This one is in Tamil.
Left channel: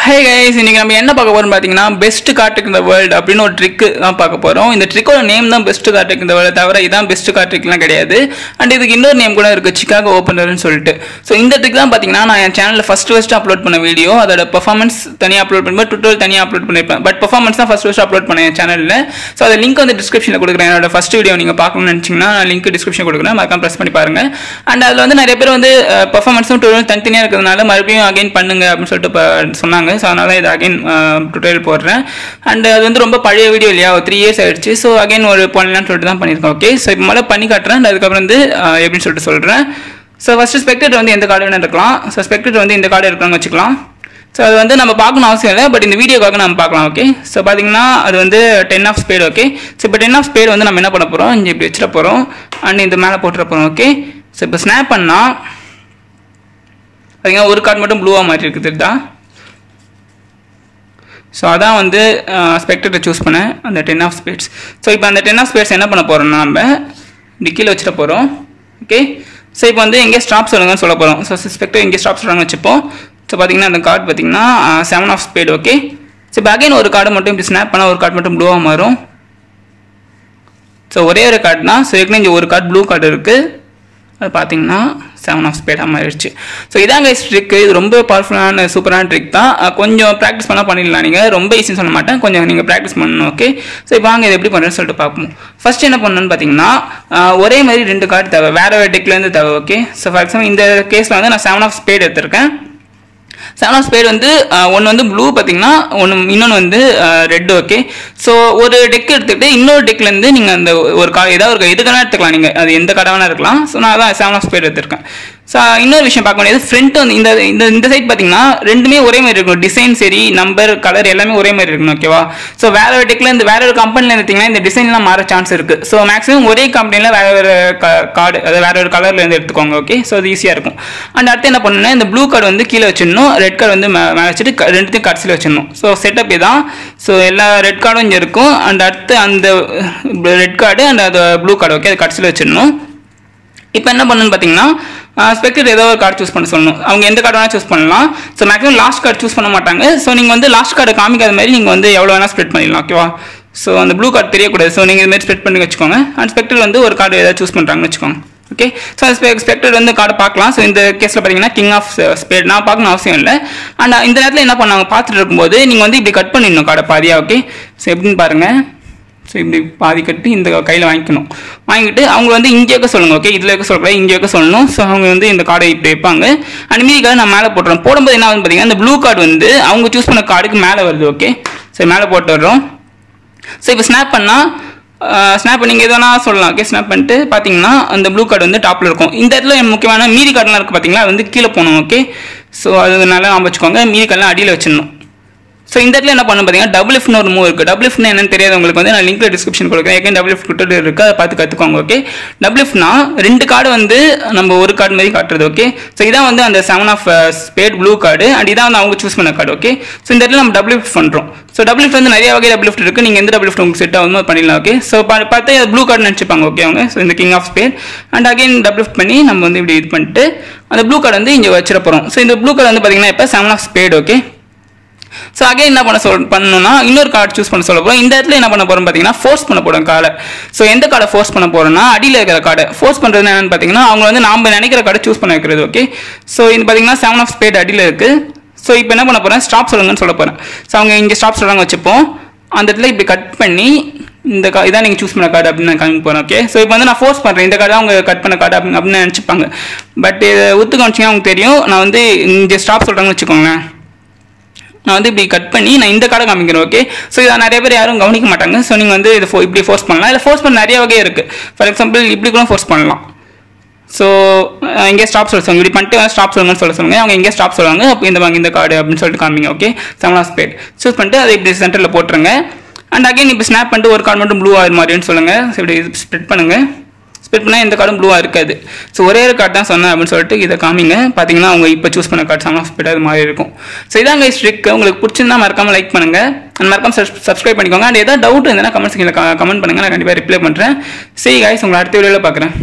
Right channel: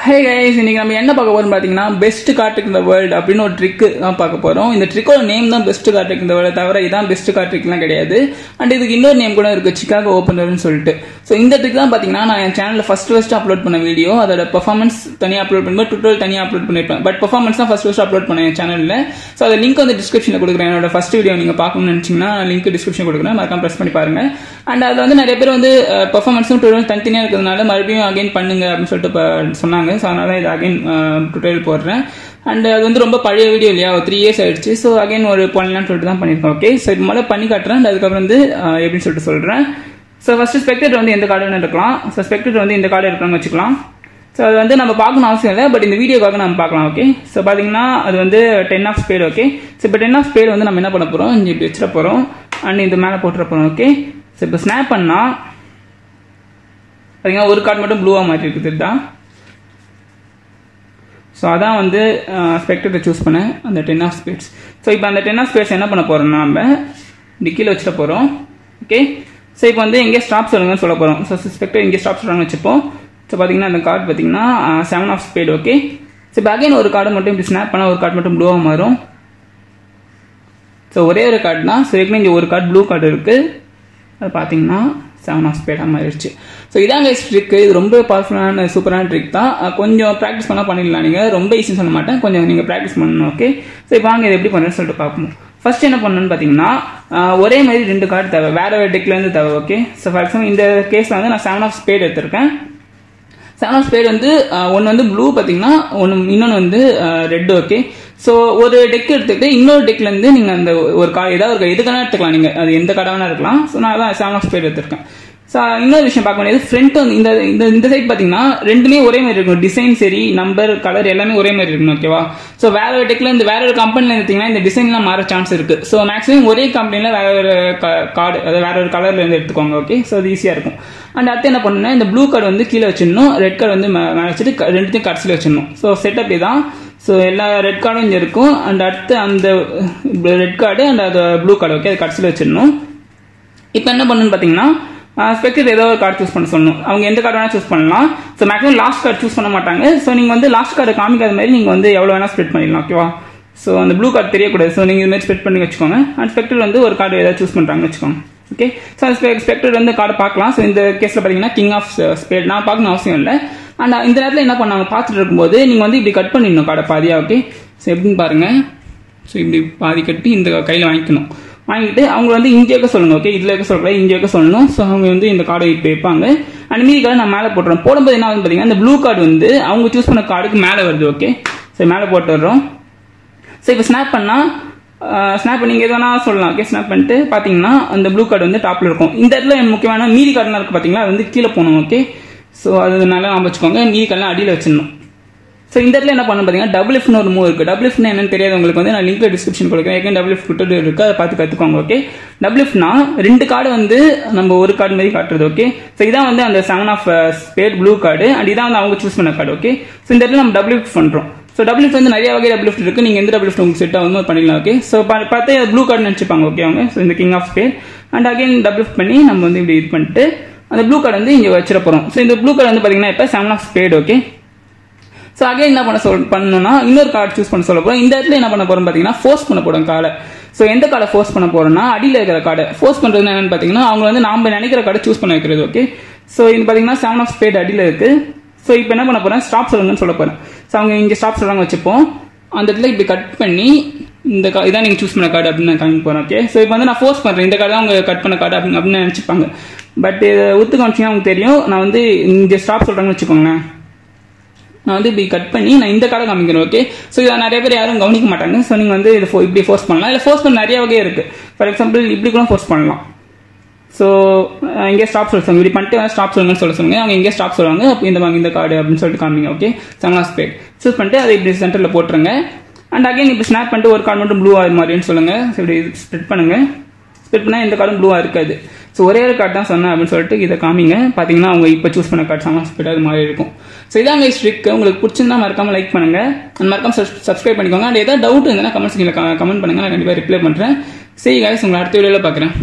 Hey guys, இன்னைக்கு நம்ம என்ன பார்க்க போறோம் பாத்தீங்கன்னா best card trick in the world அப்படின ஒரு ட்ரிக் தான் பார்க்க போறோம். இந்த ட்ரிக்கோட நேம் தான் best card trick in the world தவிர இதான் பெஸ்ட் கார்ட் ட்ரிக்லாம் கிடையாது. அண்ட் இதுக்கு இன்னொரு நேம் கூட இருக்கு, சிகாகோ ஓபனர்னு சொல்லிட்டு. சோ இந்த ட்ரிக் தான் பாத்தீங்கன்னா நான் என் சேனல்ல ஃபர்ஸ்ட் அப்லோட் பண்ண வீடியோ, அதோட பெர்ஃபார்மன்ஸ் தனியா அப்லோட் பண்ணுவேன், டுட்டோரியல் தனியா அப்லோட் பண்ணிருப்பேன். பட் பெர்ஃபார்மன்ஸ் தான் ஃபர்ஸ்ட் அப்லோட் பண்ணேன் என் சேனல்ல. சோ அந்த லிங்க் வந்து டிஸ்கிரிப்ஷன்ல கொடுக்குறேன். என்னோட ஃபர்ஸ்ட் வீடியோ நீங்க பார்க்கணும்னு நினைச்சீங்கன்னா லிங்க் டிஸ்கிரிப்ஷன்ல கொடுக்குறேன், மறக்காம பிரஸ் பண்ணி பாருங்க. அண்ட் அதுல வந்து நிறைய பேர் வந்து பெர்ஃபார்மன்ஸும் டுட்டோரியல் தனித்தனியா இருக்கிறதுனால மறுபடியும் அகைன் பண்ணுங்க அப்படின்னு சொல்லிட்டு சொன்னாங்க. சோ அதனால இது அகைன் டுட்டோரியல் போடுறேன். அண்ட் அது வந்து ரொம்ப பழைய வீடியோ இல்லையா, 3 years ஆயிடுச்சு. ஸோ அகைன் ஒரு பண்ணலான்னு சொல்லிட்டு தான் பண்ணியிருக்கோம். ஓகே, ஸோ இப்போ மேலே பண்ணி காட்டுறேன். அண்ட் அதுக்கப்புறம் வந்து எப்படின்னு சொல்லிட்டு சொல்கிறேன். ஸோ ஃபர்ஸ்ட் ஸ்பெக்டேட்டர் வந்து எந்த கார்டு வேணா இருக்கலாம். ஸோ ஸ்பெக்டேட்டர் வந்து இந்த கார்டு இருக்காங்க வச்சுக்கலாம். ஸோ அது வந்து நம்ம பார்க்கணும் அவசியம் இல்லை, பட் இந்த வீடியோக்காக நம்ம பார்க்கலாம். ஓகே, ஸோ பார்த்தீங்கன்னா அது வந்து 10 of spade. ஓகே, ஸோ இப்போ 10 of spade வந்து நம்ம என்ன பண்ண போகிறோம், இங்கே இப்படி வச்சிட போகிறோம். அண்ட் இந்த மேலே போட்டுற போகிறோம். ஓகே, ஸோ இப்போ ஸ்னாப் பண்ணால் பார்த்தீங்கன்னா ஒரு கார்டு மட்டும் ப்ளூவாக மாற்றி இருக்குது தான். ஸோ அதான் வந்து ஸ்பெக்டேட்டர் சூஸ் பண்ணேன், அந்த 10 of spades. ஸோ இப்போ அந்த 10 of spades என்ன பண்ண போகிறோம்னா நம்ம டிக்கியில் வச்சுட்டு போகிறோம். ஓகே, ஸோ இப்போ வந்து எங்கே ஸ்டாப் சொல்லுங்கன்னு சொல்ல போகிறோம். ஸோ ஸ்பெக்டர் எங்கே ஸ்டாப் சொல்கிறாங்கன்னு வச்சுப்போம். ஸோ பார்த்தீங்கன்னா அந்த கார்டு பார்த்தீங்கன்னா 7 of spade. ஓகே, ஸோ இப்போ அகைன் ஒரு கார்டு மட்டும் இப்படி ஸ்னாப் பண்ணால் ஒரு கார்டு மட்டும் ப்ளூவாக மாறும். ஸோ ஒரே ஒரு கார்டு தான். ஸோ ஏற்கனவே இங்கே ஒரு கார்டு ப்ளூ கார்டு இருக்குது, அது பார்த்தீங்கன்னா 7 of spade மாறிடுச்சு. ஸோ இதாங்க ட்ரிக். இது ரொம்ப பவர்ஃபுல்லான சூப்பரான ட்ரிக் தான். கொஞ்சம் ப்ராக்டிஸ் பண்ணால் பண்ணிடலாம். நீங்கள் ரொம்ப ஈஸின்னு சொல்ல மாட்டேன், கொஞ்சம் நீங்கள் ப்ராக்டிஸ் பண்ணணும். ஓகே, ஸோ இப்போ வாங்க இது எப்படி பண்ணுறேன்னு சொல்லிட்டு பார்ப்போம். ஃபர்ஸ்ட் என்ன பண்ணணும்னு பார்த்தீங்கன்னா ஒரே மாதிரி 2 கார்டு தேவை, வேற வேறு டெக்லேருந்து தேவை. ஓகே, ஸோ ஃபார் எக்ஸாம்பிள் இந்த கேஸில் வந்து நான் 7 of spade எடுத்திருக்கேன். 7 of spade வந்து ஒன்று வந்து ப்ளூ பார்த்தீங்கன்னா இன்னொன்று வந்து ரெட். ஓகே, ஸோ ஒரு டெக் எடுத்துக்கிட்டு இன்னொரு டெக்லேருந்து நீங்கள் அந்த ஒரு கார்டு ஏதாவது ஒரு எதுக்கான எடுத்துக்கலாம், நீங்கள் அது எந்த கார்டாக வேணா இருக்கலாம். ஸோ நான் தான் 7 of spade எடுத்திருக்கேன். ஸோ இன்னொரு விஷயம் பார்க்க வேண்டியது, ஃப்ரண்ட் வந்து இந்த சைட் பார்த்தீங்கன்னா ரெண்டுமே ஒரே மாதிரி இருக்கணும், டிசைன் சரி நம்பர் கலர் எல்லாமே ஒரே மாதிரி இருக்கணும். ஓகேவா, ஸோ வேற ஒரு டெக்லேருந்து வேற ஒரு கம்பெனியில் எடுத்தீங்கன்னா இந்த டிசைன்லாம் மாற சான்ஸ் இருக்கு. ஸோ மேக்ஸிமம் ஒரே கம்பெனியில் வேற ஒரு கார்டு அதாவது வேற ஒரு கலர்லேருந்து எடுத்துக்கோங்க. ஓகே, ஸோ அது ஈஸியாக இருக்கும். அண்ட் அடுத்து என்ன பண்ணணும்னா இந்த ப்ளூ கார்டு வந்து கீழே வச்சிடணும், ரெட் கார்டு வந்து மேலே வச்சுட்டு ரெண்டுத்தையும் கடைசியில் வச்சிடணும். ஸோ செட்டப் இதான். ஸோ எல்லா ரெட் கார்டும் இங்கே இருக்கும். அண்ட் அடுத்து அந்த ரெட் கார்டு அண்ட் அது ப்ளூ கார்டு. ஓகே, அது கடைசியில் வச்சிடணும். இப்போ என்ன பண்ணணும்னு பார்த்தீங்கன்னா ஸ்பெக்டேட்டர் ஏதோ ஒரு கார்டு சூஸ் பண்ண சொல்லணும். அவங்க எந்த கார்டு வேணால் சூஸ் பண்ணலாம். So maximum last card choose பண்ண மாட்டாங்க. ஸோ நீங்கள் வந்து லாஸ்ட் கார்டு காமிக்காத மாதிரி நீங்கள் வந்து எவ்வளோ வேணால் ஸ்ப்ரெட் பண்ணிடலாம். ஓகேவா, ஸோ அந்த ப்ளூ கார்டு தெரியக்கூடாது. ஸோ நீங்கள் இதுமாதிரி ஸ்ப்ரெட் பண்ணி வச்சுக்கோங்க. அண்ட் ஸ்பெக்டேட்டர் வந்து ஒரு கார்டு ஏதாவது சூஸ் பண்ணுறாங்கன்னு வச்சுக்கோங்க. ஓகே, ஸோ ஸ்பெக்டேட்டர் வந்து கார்டு பார்க்கலாம். ஸோ இந்த கேஸில் பார்த்தீங்கன்னா கிங் ஆஃப் ஸ்பேட் நான் பார்க்கணும் அவசியம் இல்லை. அண்ட் இந்த நேரத்தில் என்ன பண்ணாங்க பார்த்துட்டு இருக்கும்போது நீங்கள் வந்து இப்படி கட் பண்ணிடணும் கார்டை பாதியா. ஓகே, ஸோ எப்படின்னு பாருங்கள். ஸோ இப்படி பாதி கட்டி இந்த கையில் வாங்கிக்கணும். வாங்கிட்டு அவங்க வந்து இங்கே வைக்க சொல்லுங்கள். ஓகே, இதில் வைக்க சொல்லக்கூடாது, இங்கே வைக்க சொல்லணும். ஸோ அவங்க வந்து இந்த கார்டை இப்படி வைப்பாங்க. அண்ட் மீதி கார்டு நான் மேலே போட்டுறோம். போடும்போது என்ன வந்து பார்த்தீங்கன்னா இந்த ப்ளூ கார்டு வந்து அவங்க சூஸ் பண்ண கார்டுக்கு மேலே வருது. ஓகே, ஸோ மேலே போட்டுடுறோம். ஸோ இப்போ ஸ்னாப் பண்ணால் ஸ்னாப் நீங்கள் எதுனா சொல்லலாம். ஓகே, ஸ்னாப் பண்ணிட்டு பார்த்தீங்கன்னா அந்த ப்ளூ கார்டு வந்து டாப்பில் இருக்கும். இந்த இடத்துல முக்கியமான மீதி கார்டெலாம் இருக்குது பார்த்தீங்களா, அது வந்து கீழே போகணும். ஓகே, ஸோ அது நல்லா வச்சுக்கோங்க. மீதி கார்டெலாம் அடியில் வச்சிடணும். ஸோ இந்த இடத்துல என்ன பண்ணணும் பார்த்தீங்கன்னா டபுள் எஃப்னு ஒரு மூவ் இருக்குது. டபுள் எஃப்னு என்னன்னு தெரியாது உங்களுக்கு வந்து நான் லிங்க்ல டிஸ்கிரிப்ஷன் கொடுக்குறேன். ஏற்கனவே டபுள் எஃப் கொடுத்துட்டு இருக்குது, அதை பார்த்து கற்றுக்கோங்க. ஓகே, டபுள் எஃப்னா 2 கார்டு வந்து நம்ம ஒரு கார்டு மாதிரி காட்டுறது. ஓகே, ஸோ இதான் வந்து அந்த 7 of spade blue card and இதான் வந்து அவங்க சூஸ் பண்ண கார்டு. ஓகே, ஸோ இந்த இடத்துல நம்ம டபுள் எஃப் பண்ணுறோம். ஸோ டபுள் எஃப் வந்து நிறைய வகை டபுள் எஃப் இருக்குது. நீங்கள் எந்த டபுள் எஃப் உங்களுக்கு செட் ஆகுமோ பண்ணிடலாம். ஓகே, ஸோ பார்த்து ப்ளூ கார்டு நினச்சிப்பாங்க. ஓகே, அவங்க ஸோ இந்த king of spade and again double F பண்ணி நம்ம வந்து இப்படி இது பண்ணிட்டு அந்த ப்ளூ கார்டு வந்து இங்கே வச்சிட போகிறோம். ஸோ இந்த ப்ளூ கார்டு வந்து பார்த்தீங்கன்னா இப்போ 7 of spade. Okay, so again என்ன பண்ணணும்னா இன்னொரு கார்டு சூஸ் பண்ண சொல்ல போகிறோம். இந்த இடத்துல என்ன பண்ண போகிறோம் பார்த்தீங்கன்னா ஃபோர்ஸ் பண்ண போகிறோம் கார்டை. ஸோ எந்த கார்டை ஃபோர்ஸ் பண்ண போகிறோம்னா அடியில் இருக்கிற கார்டை ஃபோர்ஸ் பண்ணுறது என்னன்னு பார்த்தீங்கன்னா அவங்க வந்து நாம் நினைக்கிற கார்டை சூஸ் பண்ண வைக்கிறது. ஓகே, ஸோ இது பார்த்தீங்கன்னா 7 of spade அடியில் இருக்குது. ஸோ இப்போ என்ன பண்ண போகிறேன், ஸ்டாப் சொல்லுங்கன்னு சொல்ல போகிறேன். ஸோ அவங்க இங்கே ஸ்டாப் சொல்கிறாங்க வச்சுப்போம். அந்த இடத்துல இப்படி கட் பண்ணி இந்த இதான் நீங்கள் சூஸ் பண்ண கார்டு அப்படின்னு நான் காமிக்க போகிறேன். ஓகே, ஸோ இப்போ வந்து நான் ஃபோர்ஸ் பண்ணுறேன், இந்த கார்டை அவங்க கட் பண்ண கார்டு அப்படின்னு நினச்சிப்பாங்க. பட் ஒத்து காமிச்சிங்கன்னா அவங்க தெரியும். நான் வந்து இங்கே ஸ்டாப் சொல்கிறாங்கன்னு வச்சுக்கோங்களேன். நான் வந்து இப்படி கட் பண்ணி நான் இந்த கார்டை காமிக்கிறேன். ஓகே, ஸோ இதை நிறைய பேர் யாரும் கவனிக்க மாட்டாங்க. ஸோ நீங்கள் வந்து இது இப்படி ஃபோர்ஸ் பண்ணலாம். இல்லை ஃபோர்ஸ் பண்ண நிறைய வகை இருக்குது. ஃபார் எக்ஸாம்பிள் இப்படி கூட ஃபோர்ஸ் பண்ணலாம். ஸோ இங்கே ஸ்டாப் சொல்லுவாங்க. இப்படி பண்ணிட்டு ஸ்டாப் சொல்லுங்கன்னு சொல்லுவாங்க. அவங்க இங்கே ஸ்டாப் சொல்லுவாங்க. அப்போ இந்த கார்டு அப்படின்னு சொல்லிட்டு காமிங்க. ஓகே, 7 of spade சூஸ் பண்ணிட்டு அதை இப்படி சென்டரில் போட்டுருங்க. அண்ட் அகைன் இப்போ ஸ்னாப் பண்ணிட்டு ஒரு கார்டு மட்டும் ப்ளூ ஆகிற மாதிரின்னு சொல்லுங்கள். ஸோ இப்படி ஸ்ப்ரெட் பண்ணுங்கள். ஸ்ப்ரெட் பண்ணால் எந்த கார்டும் ப்ளூவாக இருக்காது. ஸோ ஒரே ஒரு கார்டு தான் சொன்னேன் அப்படின்னு சொல்லிட்டு இதை காமிங்க. பார்த்தீங்கன்னா அவங்க இப்போ சூஸ் பண்ண கார்டு 7 of spade அது மாதிரி இருக்கும். ஸோ இதாங்க ட்ரிக். உங்களுக்கு பிடிச்சிருந்தா மறக்காமல் லைக் பண்ணுங்கள் அண்ட் மறக்காமல் சப்ஸ்கிரைப் பண்ணிக்கோங்க. அண்ட் ஏதாவது டவுட் இருந்ததுன்னா கமெண்ட்ஸ் கமெண்ட் பண்ணுங்கள், நான் கண்டிப்பாக ரிப்ளை பண்ணுறேன். சரி கைஸ், உங்களை அடுத்த வீடியோவில் பார்க்குறேன்.